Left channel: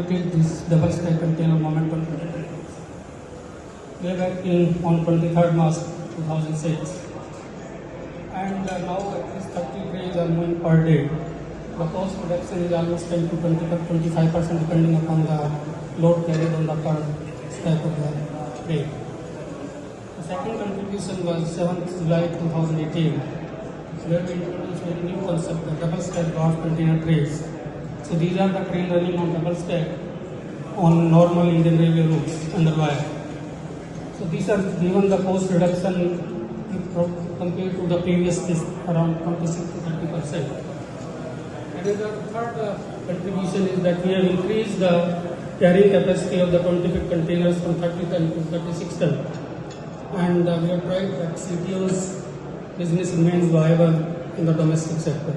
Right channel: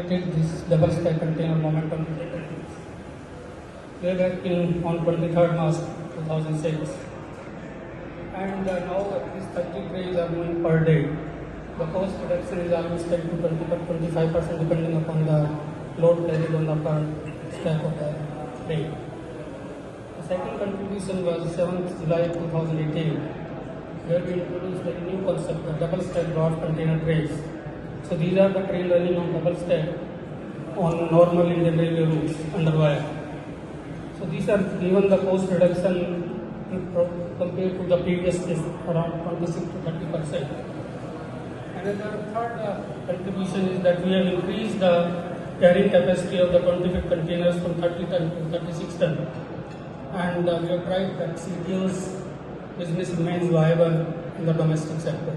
inaugurated this double stack container momentum way back on 23rd March 2006. And now these 30 trains are moving per day. The cost reduction is almost 10 to 25% depending upon the load carried on the per stack of the train. The second contribution was 7th July 2018, where we introduced a new concept, the double stack draft container trains. So these are the trains running on double stack on normal Indian railway routes under wire. So these are given the cost reduction compared to the previous list around 26 to 30%. The third contribution is that we have increased the carrying capacity of the 20 feet containers from 30 ton to 36 ton. And we have tried that CTO's business remains viable in the domestic sector.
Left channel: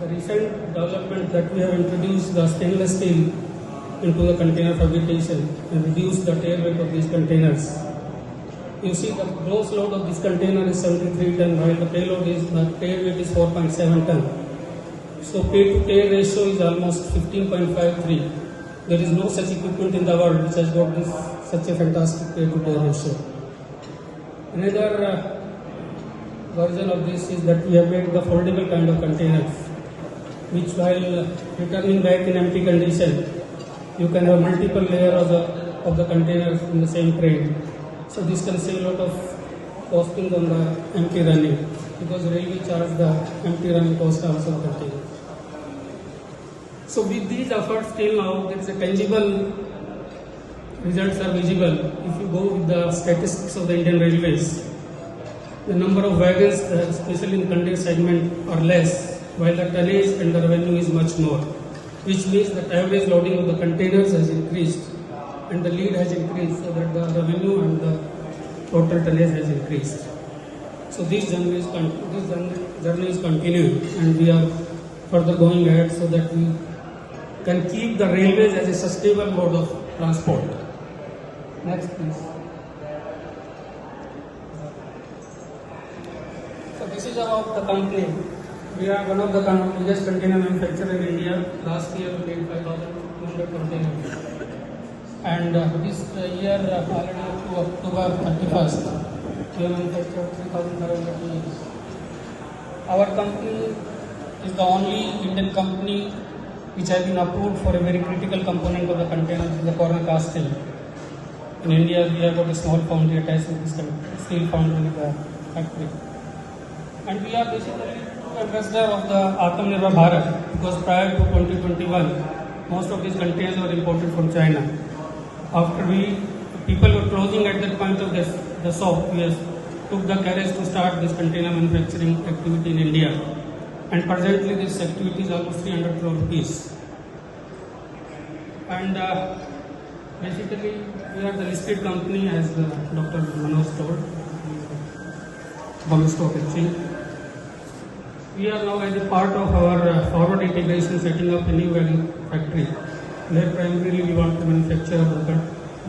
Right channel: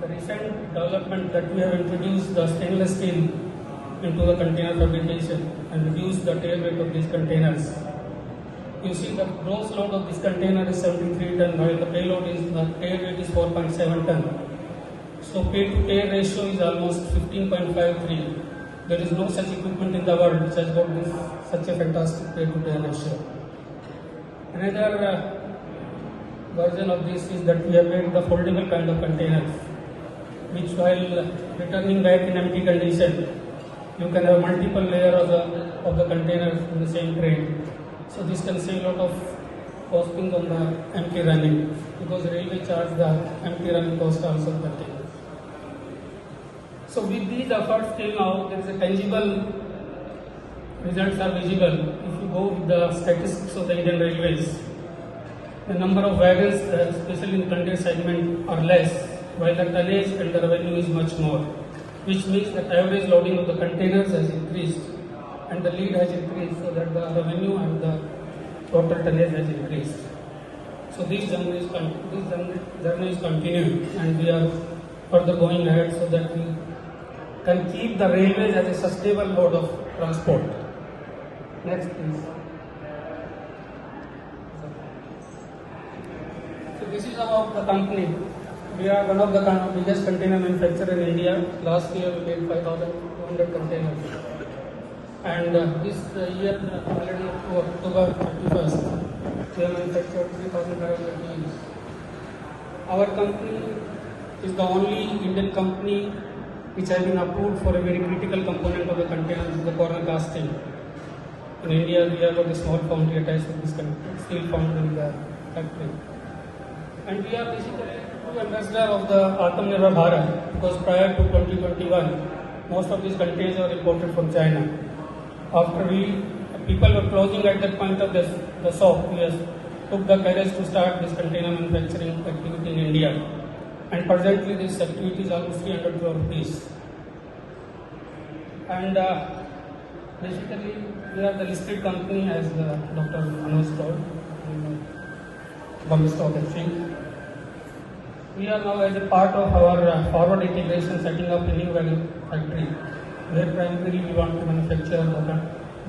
The recent development that we have introduced the stainless steel into the container fabrication and reduced the tail weight of these containers. You see the gross load of this container is 73 ton while the tail weight is 4.7 ton. So pay to tail ratio is almost 15.53. There is no such equipment in the world which has got this such a fantastic pay to tail ratio. Another version of this is that we have made the foldable kind of containers, which while returning back in empty condition, you can have multiple layers of the containers in the same crate. So this can save a lot of costing on the empty running because railway charge the empty running cost also of container. So with these efforts till now, it's a tangible results are visible. If you go with the statistics of the Indian Railways, the number of wagons, especially in the container segment, are less, while the tonnage and the revenue is much more, which means the average loading of the containers has increased and the lead has increased, so that the revenue and the total tonnage has increased. So this journey is continuing, and we are further going ahead so that we can keep the railways as a sustainable mode of transport. Next, please. So this is about the company. We are one of the biggest container manufacturers in India. Last year we made 5,200 containers. And this year, already up to October 31st, we have manufactured 3,500 units. Our company is the only Indian company which has been approved for a very critical component of the container, the corner casting. In India, we have got a small foundry attached to this steel foundry in the factory. And we are basically the ambassador of the Atmanirbhar Bharat, because prior to 2021, most of these containers were imported from China. After people were closing at that point of the shop, we took the courage to start this container manufacturing activity in India. And presently this activity is almost 300 crore rupees. And basically we are the listed company, as Dr. Manoj told, Bombay Stock Exchange. We are now as a part of our forward integration setting up a new wagon factory, where primarily we want to manufacture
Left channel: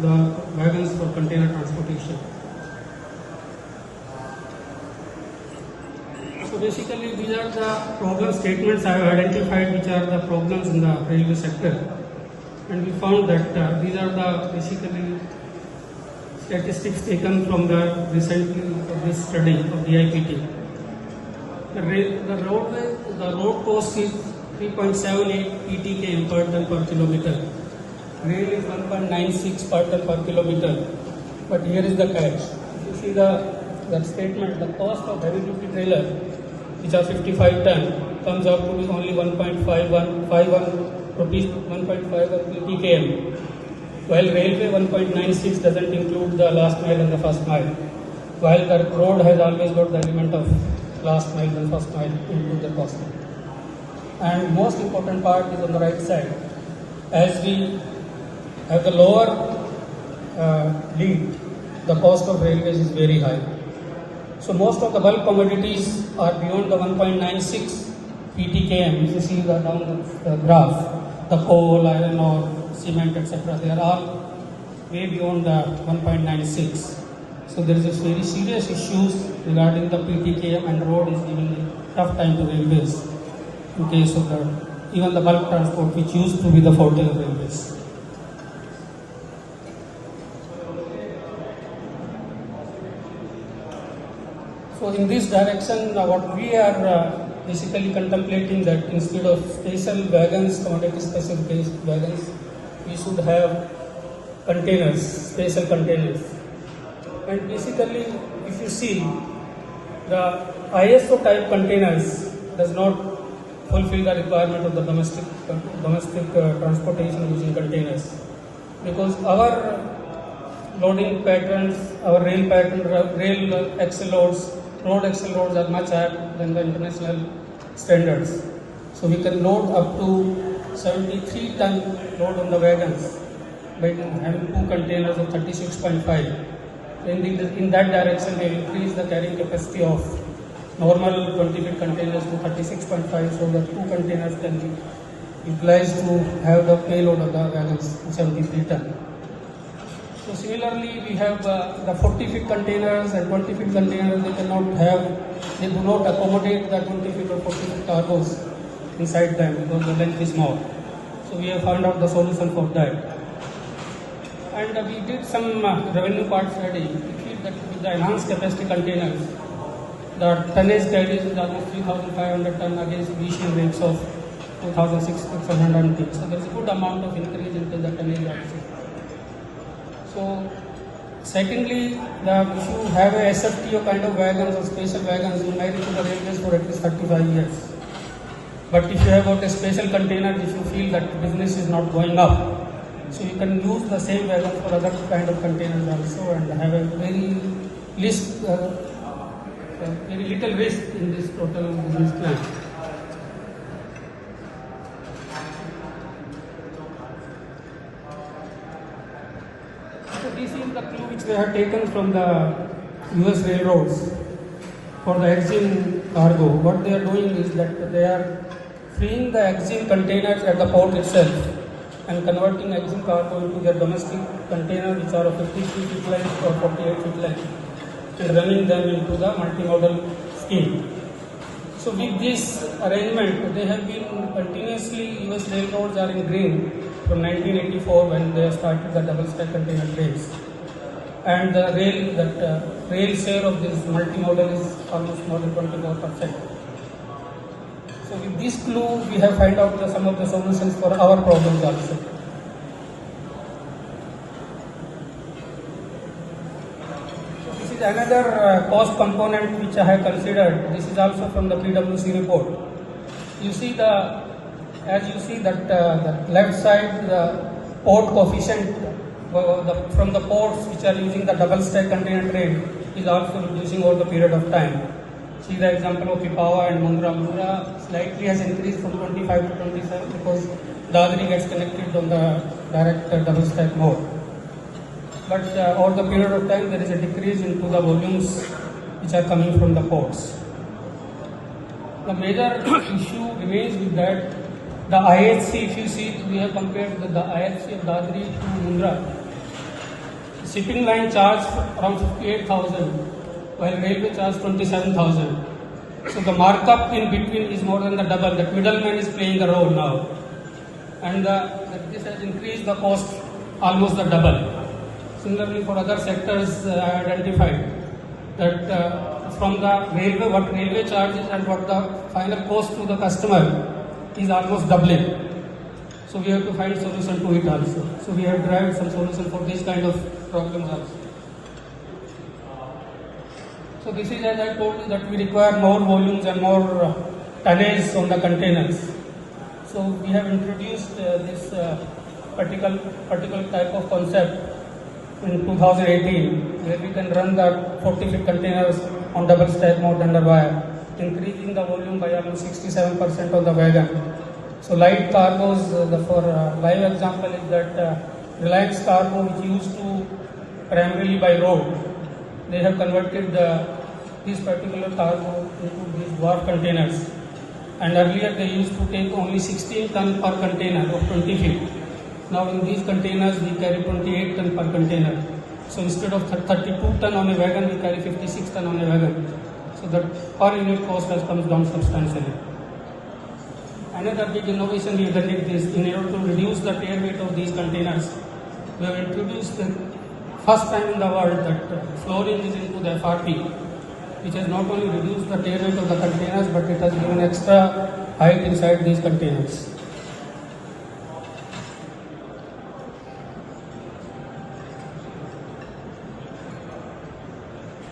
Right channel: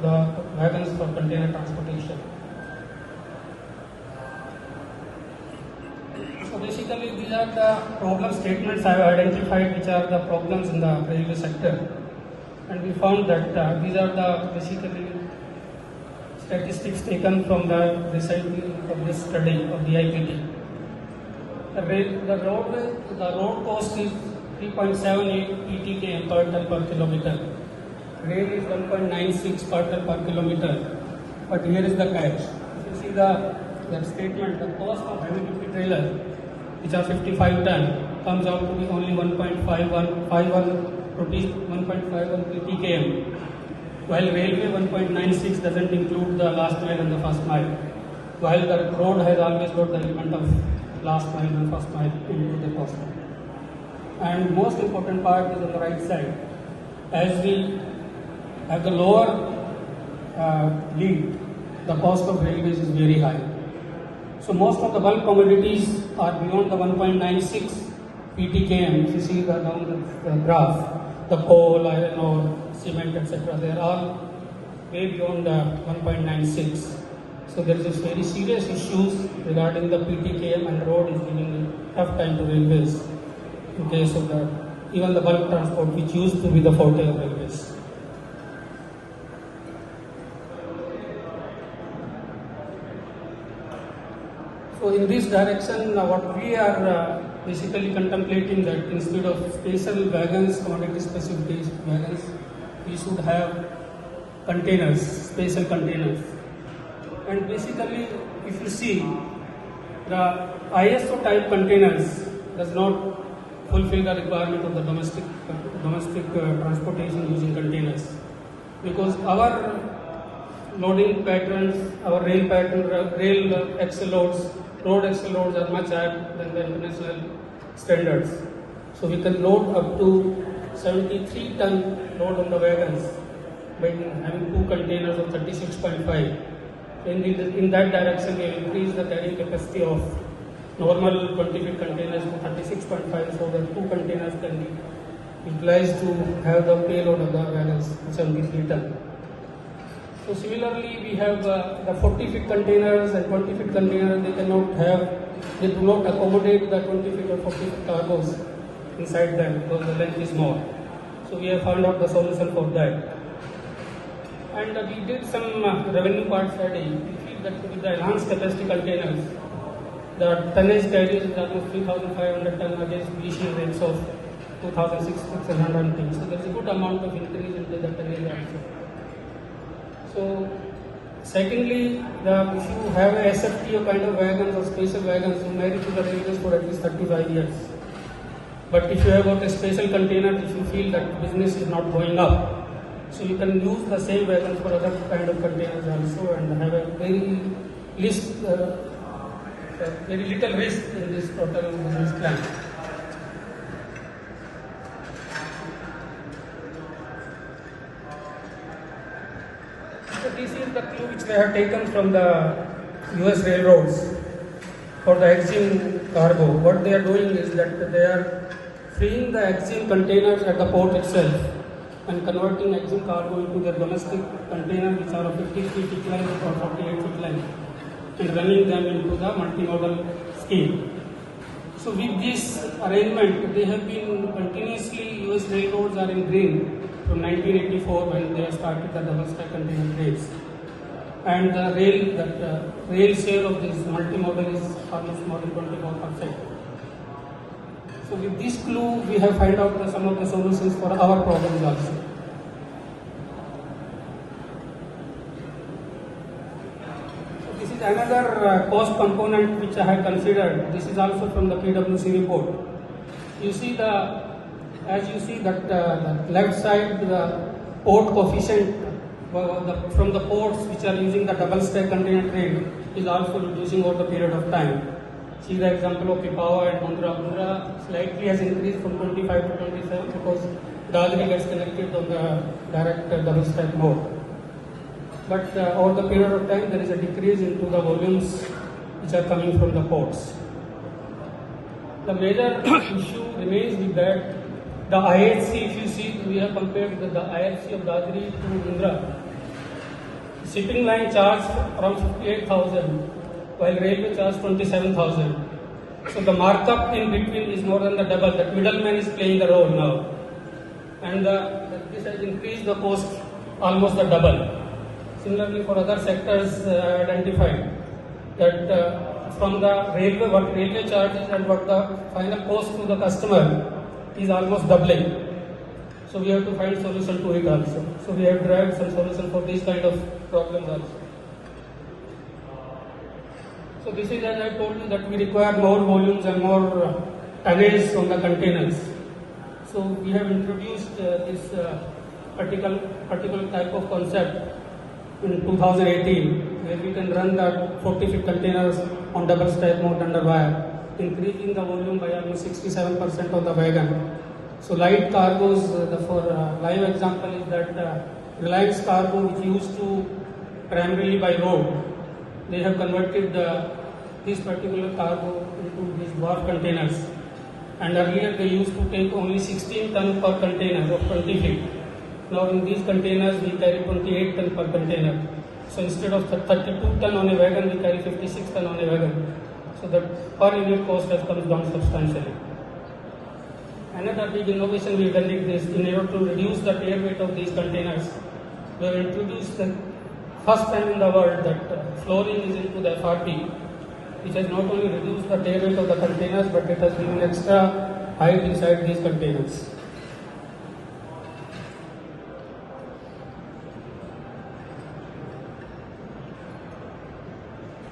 the wagons for container transportation. So basically these are the problem statements I have identified which are the problems in the railway sector. And we found that these are the basically statistics taken from the recently of this study of the IPT. The road cost is 3.78 PTKM per ton per kilometer. Rail is 1.96 per ton per kilometer. But here is the catch. If you see the statement, the cost of heavy duty trailer, which are 55 ton, comes out to be only 1.51 rupees, 1.51 PTKM. While railway 1.96 doesn't include the last mile and the first mile. While the road has always got the element of last mile and first mile into the cost. And most important part is on the right side. As we have the lower lead, the cost of railways is very high. So most of the bulk commodities are beyond the 1.96 PTKM. If you see the graph, the coal, iron ore, cement, etc., they are all way beyond the 1.96. So there is a very serious issues regarding the PTKM, and road is giving a tough time to railways in case of the even the bulk transport, which used to be the forte of railways. So in this direction, what we are basically contemplating that instead of special wagons, commodity specific wagons, we should have containers, special containers. And basically, if you see, the ISO type containers does not fulfill the requirement of the domestic transportation using containers, because our loading patterns, our rail pattern, rail axle loads, road axle loads are much higher than the international standards. So we can load up to 73 ton load on the wagons by having two containers of 36.5. In that direction, we increase the carrying capacity of normal 20-feet containers to 36.5, so that two containers can be utilized to have the payload of the wagons, 73 ton. So similarly, we have the 40-feet containers and 20-feet containers. They do not accommodate the 20-feet or 40-feet cargoes inside them because the length is small. So we have found out the solution for that. And we did some revenue part study. We feel that with the enhanced capacity containers, the tonnage carriage is almost 3,500 ton against initial rates of 2,600 tons. So there is a good amount of increase into the tonnage also. So, secondly, we should have a SFTO kind of wagons or special wagons who marry to the railways for at least 35 years. But if you have got a special container, if you feel that business is not going up, so you can use the same wagon for other kind of containers also and have a very little risk in this total business plan. So this is the clue which we have taken from the US railroads for the EXIM cargo. What they are doing is that they are freeing the EXIM containers at the port itself and converting EXIM cargo into their domestic containers which are of 50 feet length or 48 feet length and running them into the multimodal scheme. So with this arrangement, they have been continuously, US railroads are in green from 1984 when they started the double stack container trains. And the rail share of this multimodal is almost more than 24%. So with this clue, we have found out some of the solutions for our problems also. So this is another cost component which I have considered. This is also from the PwC report. You see as you see that the left side, the port coefficient from the ports which are using the double stack container train is also reducing over the period of time. See the example of Pipavav and Mundra. Mundra slightly has increased from 25 to 27 because Dadri gets connected on the direct double stack mode. But over the period of time, there is a decrease into the volumes which are coming from the ports. The major issue remains with that the IHC, if you see, we have compared the IHC of Dadri to Mundra. Shipping line charged around 58,000, while railway charged 27,000. So the markup in between is more than the double. The middleman is playing the role now, and this has increased the cost almost the double. Similarly, for other sectors, I identified that from the railway, what railway charges and what the final cost to the customer is almost doubling. So we have to find solution to it also. So we have derived some solution for this kind of problems also. So this is, as I told you, that we require more volumes and more tonnage on the containers. So we have introduced this particular type of concept in 2018, where we can run the 40-feet containers on double stack mode under wire, increasing the volume by almost 67% of the wagon. So light cargos, for live example is that Reliance Cargo, which used to primarily by road, they have converted this particular cargo into these dwarf containers. And earlier they used to take only 16 ton per container of 20 feet. Now in these containers we carry 28 ton per container. So instead of 32 ton on a wagon, we carry 56 ton on a wagon. So that per unit cost has come down substantially. Another big innovation we have done is in order to reduce the air weight of these containers. We have introduced the first time in the world that flooring is into the FRP, which has not only reduced the air weight of the containers, but it has given extra height inside these containers.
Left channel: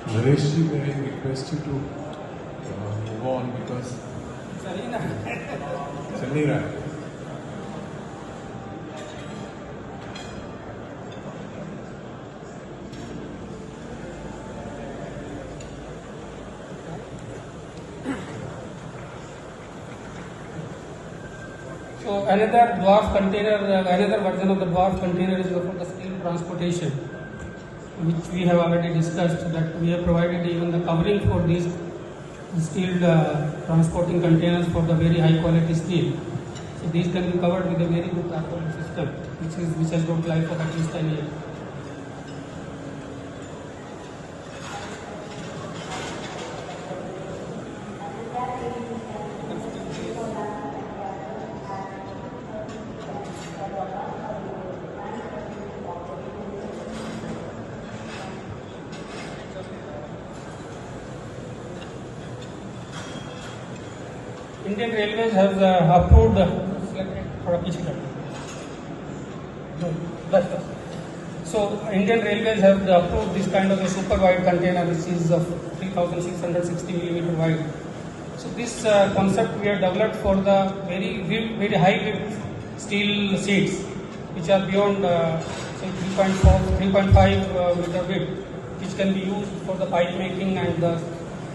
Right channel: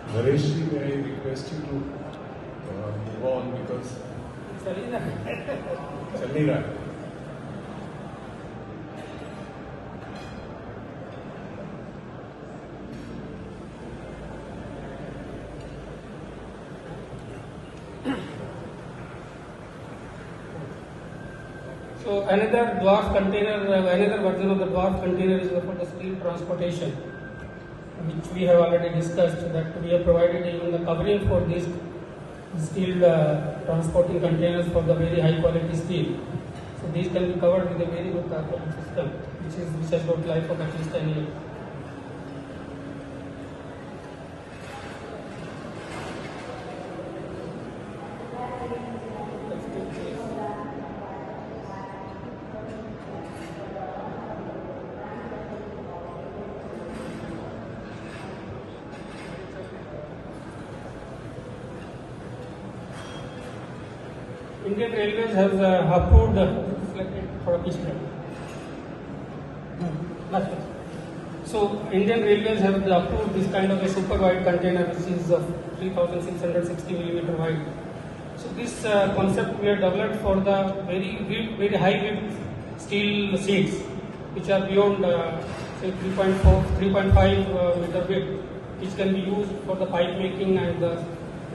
Nareshji, may I request you to move on because Challega. So another dwarf container, another version of the dwarf container is for the steel transportation, which we have already discussed, that we have provided even the covering for these steel transporting containers for the very high quality steel. So these can be covered with a very good tarpaulin system, which has got life of at least 10 years. Indian Railways has approved So Indian Railways have approved this kind of a super wide container, which is 3660 mm wide. So this concept we have developed for the very high width steel seats, which are beyond say 3.5 meter width, which can be used for the pipe making and the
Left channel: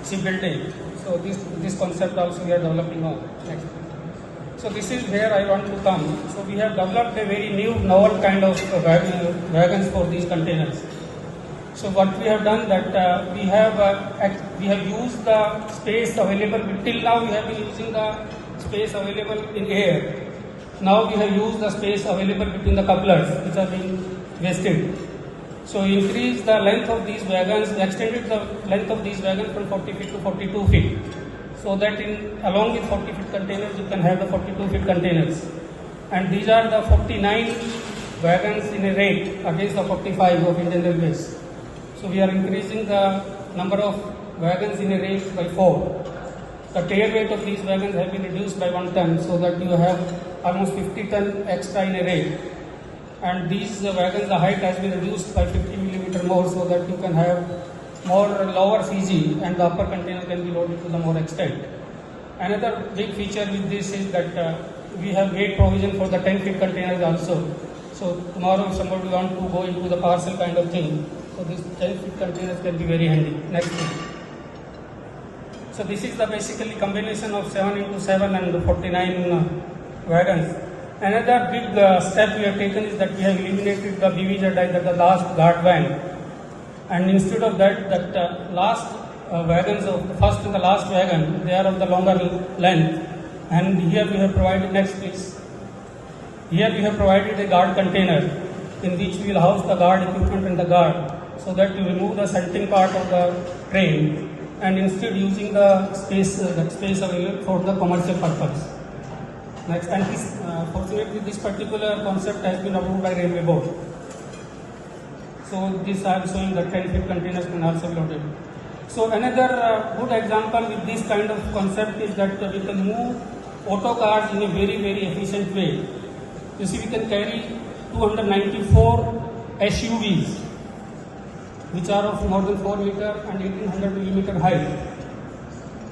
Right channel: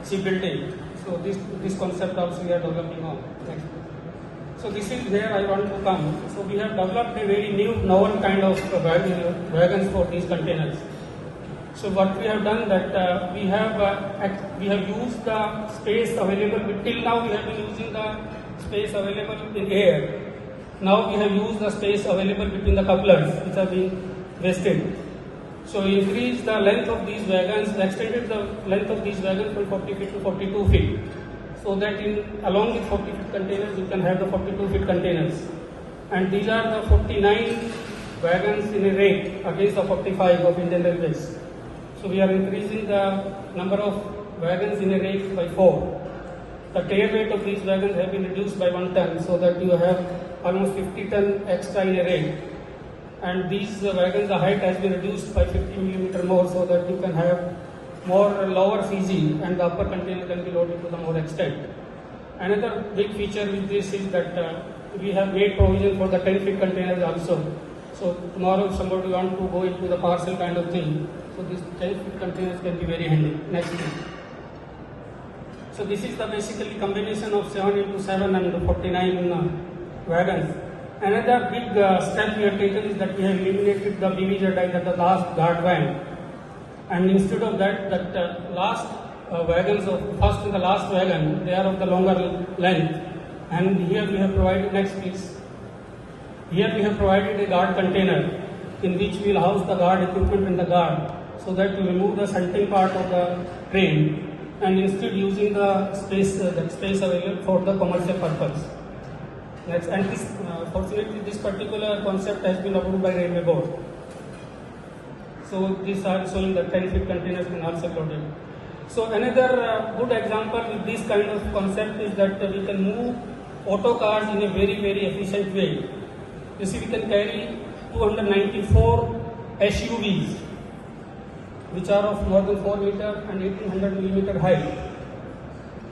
shipbuilding. So this concept also we are developing on. Next. So this is where I want to come. So we have developed a very new novel kind of wagons for these containers. So what we have done that we have used the space available till now. We have been using the space available in air. Now we have used the space available between the couplers, which are being wasted. So increase the length of these wagons, extended the length of these wagons from 40 feet to 42 feet. So that along with 40 feet containers, you can have the 42 feet containers. And these are the 49 wagons in a rate against the 45 of Indian Railways. So we are increasing the number of wagons in a rate by 4. The air weight of these wagons have been reduced by 1 ton, so that you have almost 50 ton extra in a rate. And these wagons, the height has been reduced by 50 mm more, so that you can have more lower CG and the upper container can be loaded to the more extent. Another big feature with this is that we have made provision for the 10 feet containers also. So tomorrow if somebody wants to go into the parcel kind of thing, so these 10 feet containers can be very handy. Next thing. So this is the basically combination of 7 into 7 and 49 wagons. Another big step we have taken is that we have eliminated the BVZ die, the last guard van. And instead of that, last wagons of first and the last wagon, they are of the longer length. And here we have provided, next please. Here we have provided a guard container in which we will house the guard equipment and the guard, so that you remove the shunting part of the train and instead using the space available for the commercial purpose. Next, and fortunately this particular concept has been approved by Railway Board. So these are showing the 10 feet containers can also be loaded. So another good example with this kind of concept is that we can move auto cars in a very efficient way. You see, we can carry 294 SUVs, which are of more than 4 meter and 1800 millimeter height,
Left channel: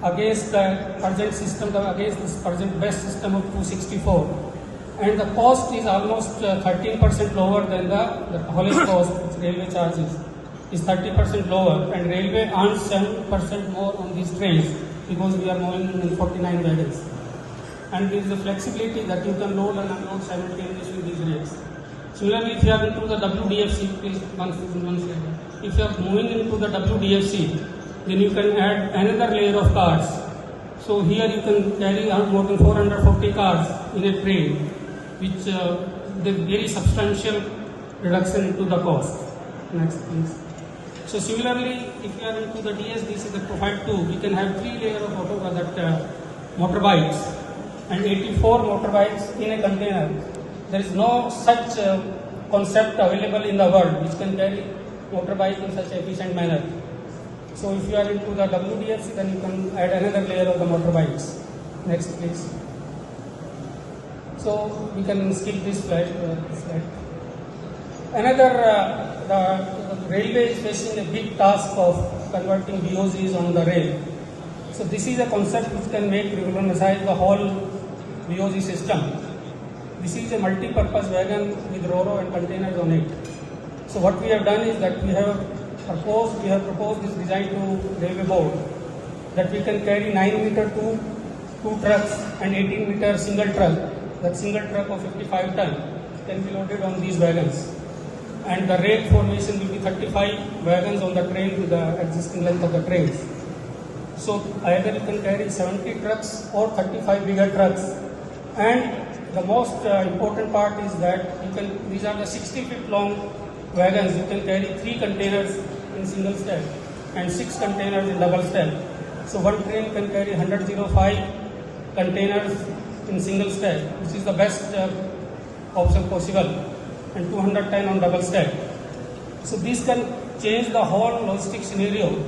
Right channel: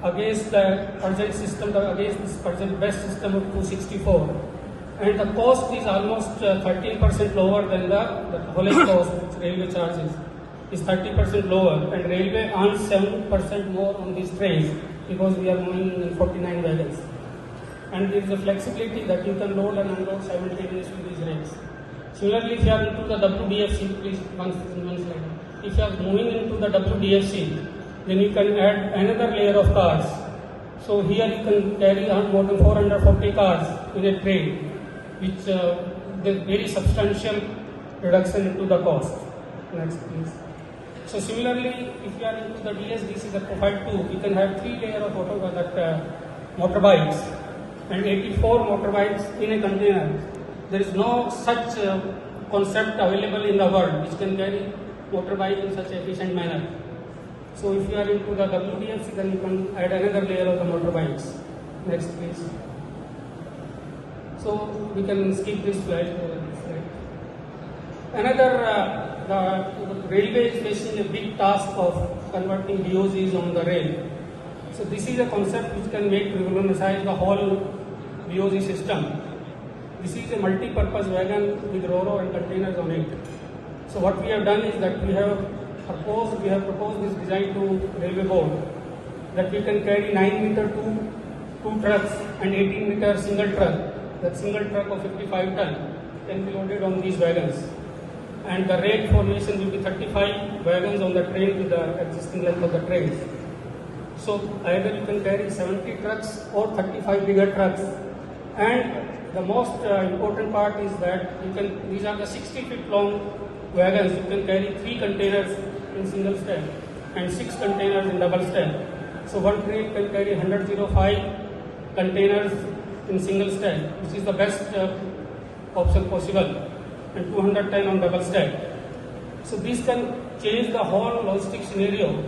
against the present system, against this present best system of 264. And the cost is almost 13% lower than the haulage cost, which railway charges is 30% lower, and railway earns 7% more on these trains because we are moving in 49 wagons. And there is a flexibility that you can load and unload simultaneously in these rails. Similarly, if you are into the WDFC, please one slide. If you are moving into the WDFC, then you can add another layer of cars. So here you can carry more than 440 cars in a train, which there is very substantial reduction into the cost. Next, please. So similarly, if you are into the DSDC, the Profile 2, we can have 3 layers of motorbikes, and 84 motorbikes in a container. There is no such concept available in the world which can carry motorbike in such efficient manner. So if you are into the WDFC, then you can add another layer of the motorbikes. Next, please. So we can skip this slide. Another, the railway is facing a big task of converting DOCs on the rail. So this is a concept which can make revolutionize the whole DOC system. This is a multi-purpose wagon with Ro-Ro and containers on it. So what we have done is that we have proposed this design to Railway Board that we can carry 9-meter two trucks and 18-meter single truck. That single truck of 55 ton can be loaded on these wagons. And the rail formation will be 35 wagons on the train with the existing length of the trains. So either you can carry 70 trucks or 35 bigger trucks. And the most important part is that these are the 60 feet long wagons. You can carry 3 containers in single stack and 6 containers in double stack. So one train can carry 105 containers in single stack, which is the best option possible, and 200 times on double stack. So this can change the whole logistic scenario.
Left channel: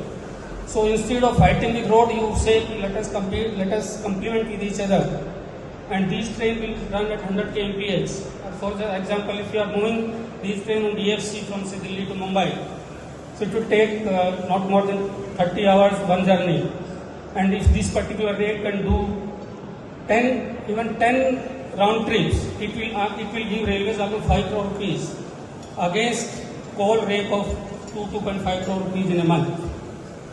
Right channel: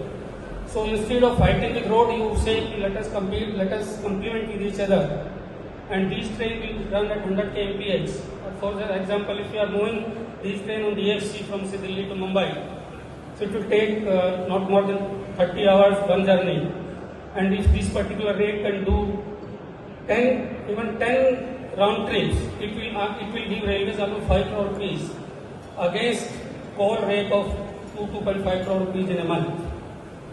So instead of fighting with road, you say let us compete, let us complement with each other. And these trains will run at 100 kmph. For example, if you are moving these trains on DFC from say Delhi to Mumbai, so it will take not more than 30 hours one journey. And if this particular rail can do 10 round trips, it will give railways almost 5 crore rupees against coal rate of 2.5 crore rupees in a month.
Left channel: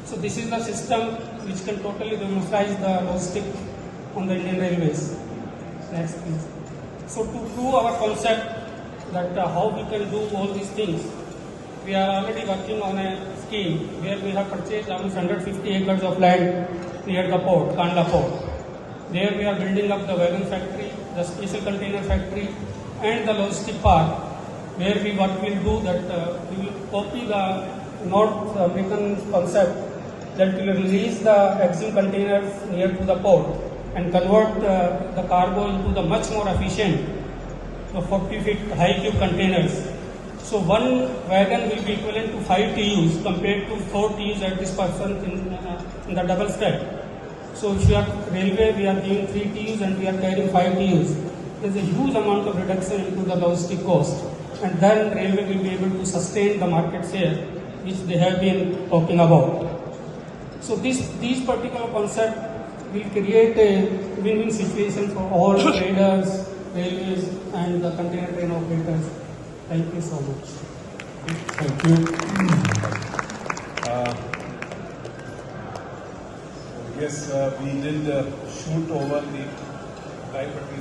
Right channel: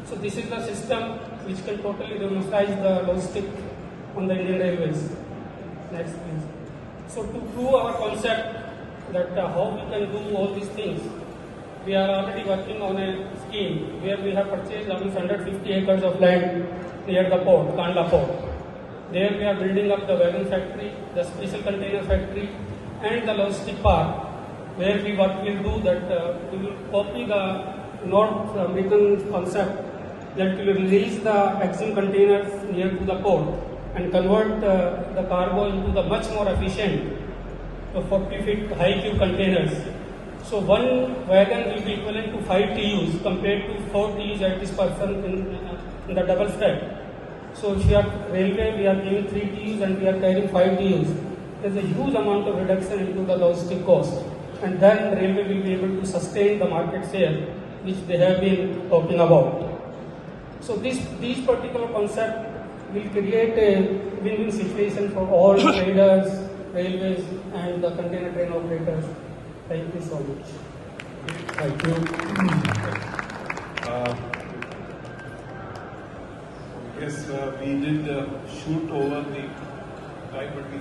So this is the system which can totally democratize the logistics on the Indian Railways. Next, please. So to prove our concept that how we can do all these things, we are already working on a scheme where we have purchased almost 150 acres of land near the port, Kandla port. There we are building up the wagon factory, the special container factory, and the logistic park, where what we will do that we will copy the North Britain concept that we will release the existing containers near to the port and convert the cargo into the much more efficient 40 feet high cube containers. So one wagon will be equivalent to 5 TUs compared to 4 TUs at this person in the double stack. So if you are railway, we are giving 3 TUs and we are carrying 5 TUs. There is a huge amount of reduction into the logistic cost, and then railway will be able to sustain the market share which they have been talking about. So these particular concept will create a win-win situation for all traders, railways, and the container train operators. Thank you so much. Thank you. I guess we did shoot over the time, but we